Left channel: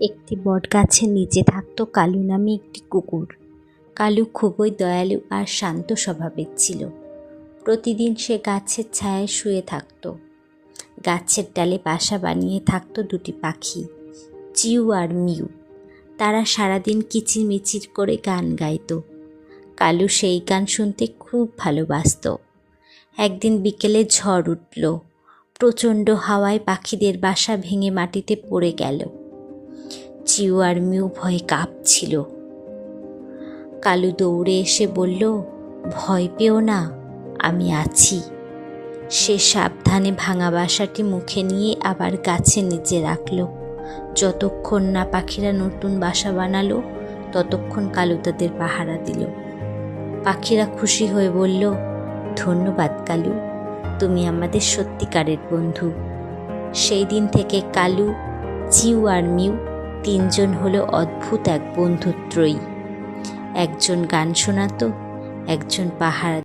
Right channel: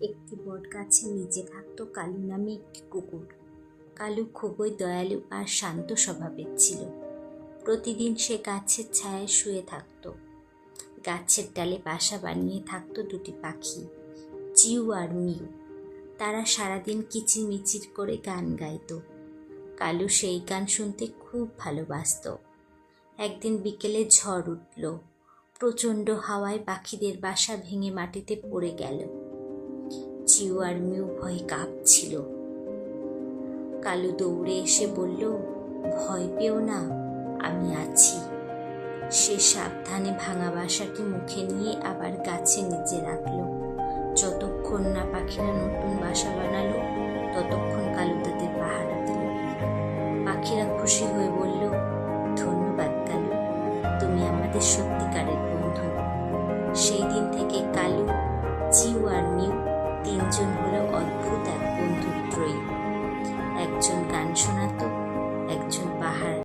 একটি বটগাছের নিচে থাকতো কালু নামে একটি কুকুর। কালু খুবই দয়ালু আর শান্ত স্বভাবের ছিল। প্রতিদিন সে গাছের ছায়ায় শুয়ে থাকত। গাছের ডালে বাসা বানিয়ে থাকতো দুটি পাখি, চিউ আর মিউ। তারা সারাদিন কিচিরমিচির করে গান গাইত। কালু সেই গান শুনতে খুব ভালোবাসত। একদিন বিকেলে ঝড় উঠল। প্রচণ্ড হাওয়ায় পাখিদের বাসা ভেঙে মাটিতে পড়ে গেল। চিউ আর মিউ ভয়ে কাঁপছিল। কালু দৌড়ে এসে বলল, ভয় পেও না, আমি আছি। সে সাবধানে ভাঙা বাসাটি মুখে নিয়ে আবার গাছের নিচে রাখল। যতক্ষণ না পাখিরা নতুন বাসা বানালো ততক্ষণ কালু তাদের পাহারা দিল। পাখিরা খুশি হয়ে বলল, ধন্যবাদ কালু, তুমি আমাদের সত্যিকারের বন্ধু। সেই দিন থেকে কালু, চিউ আর মিউ তিনজন হলো অদ্ভুত এক বন্ধুত্রয়ী। একজন গান শোনাতো, একজন পাহারা